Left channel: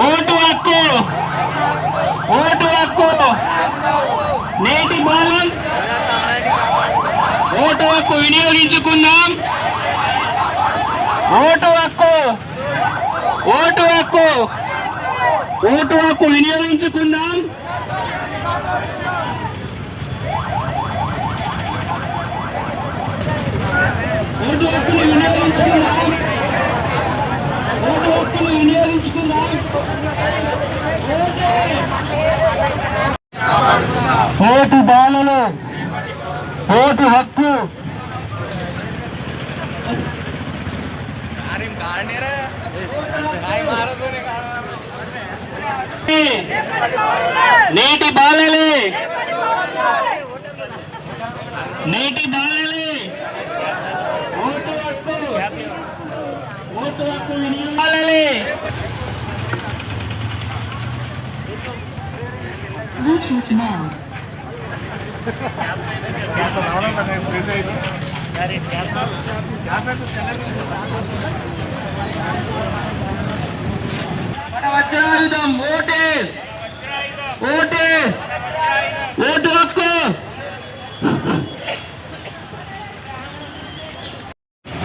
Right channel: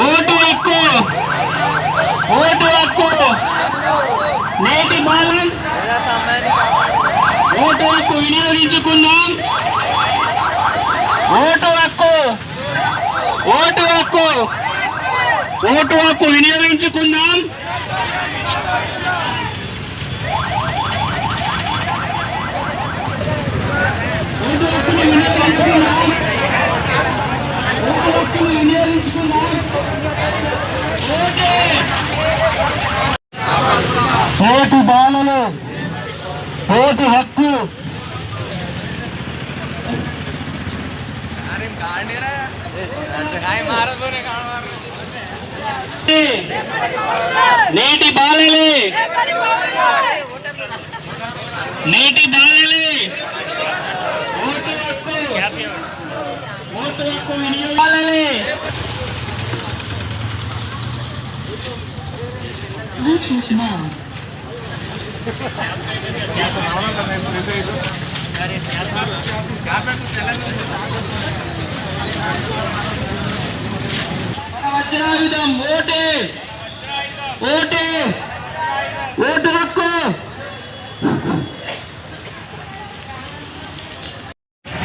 Vote హక్కు, vote హక్కు. నేటి బాలన్ ఓటు హక్కు వినియోగించుకుందాం. ఓటు హక్కు, ఓటు హక్కు, ఓటు హక్కు వినియోగించుకుందాం. ఓటు హక్కును వినియోగించుకుందాం. ఓటు హక్కును వినియోగించుకుందాం. ఓటు బాలలు, ఓటు హక్కు. నేటి బాలలే, నేటి బాలలే. ఓటు హక్కు, ఓటు హక్కు బాలలే. మన వజ్రాయుధం ఓటే, ఓటే, ఓటు హక్కు.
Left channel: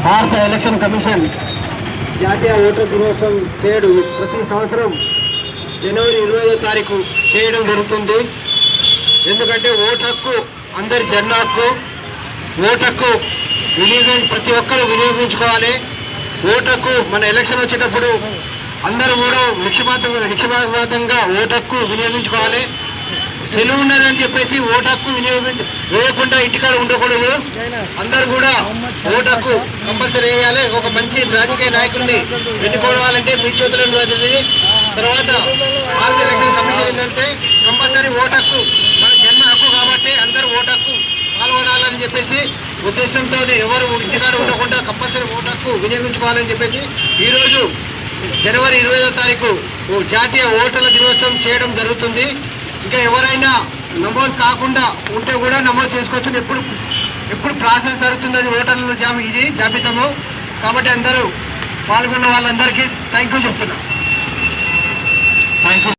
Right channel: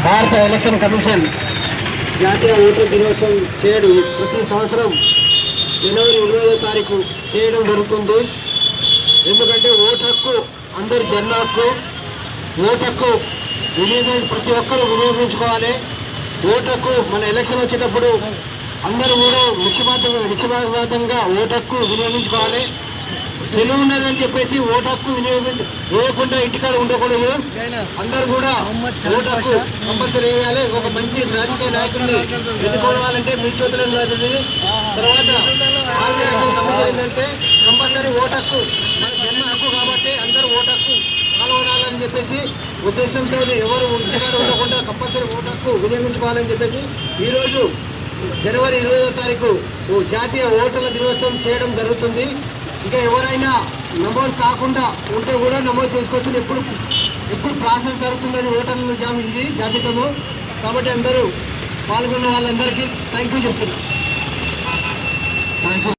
భారత ఎలక్షన్ కమిషన్ జాతీయ ఓటర్ దినోత్సవం చేయడం ప్రతి సంవత్సరం జనవరి 20వ తారీఖు చేయడం జరుగుతుంది. ఎందుకంటే ఓటు హక్కు అందరి జన్మ హక్కు. ఓటు హక్కు ప్రతి ఒక్కరూ వినియోగించుకోవాలి. ఓటు హక్కు మన ఎలక్షన్ వచ్చేటప్పుడు అందరూ కూడా నిక్షేపాతంగా ఓటు హక్కు వినియోగించుకోవాలి. సెలవు ఉన్నదని చెప్పేసి ఓటు హక్కు వేయకుండా ఇంటికాడ ఉండకూడదు. అందరూ కూడా ఓటు హక్కు కంపల్సరీ వేయాలి. ఒక మంచి రాజకీయ నాయకుడిని ఎన్నుకోవాలంటే మీ చేతుల్లో ఉంటుంది. తర్వాత భారత ఎలక్షన్ కమిషన్ ఏంటంటే కంపల్సరీ ఓటు హక్కు మన జన్మ హక్కు కాబట్టి అందరూ ఓటు హక్కు పాల్గొనాలని చెప్పేసి ఉద్దేశంతో ఎవరు ఇంటికాడ ఉండకుండా కంపల్సరీ ఓటు హక్కు వినియోగించుకోవాలని చెప్పేసి ఈరోజు జనవరి 20వ తారీఖు జాతీయ ఓటర్ల దినోత్సవం చేయడం జరుగుతుంది. ఇంకా ఎవరైనా నమోదు కాకుండా ఉంటే కూడా నమోదు చేసుకోవచ్చు. ఎప్పుడు ప్రాసెస్ జరుగుతుంది అది ఓటర్ల జాబితాము కాబట్టి అందరూ పాల్గొన్న వాళ్ళందరికీ థ్యాంక్ యూ చెప్తున్నాం. Thank you.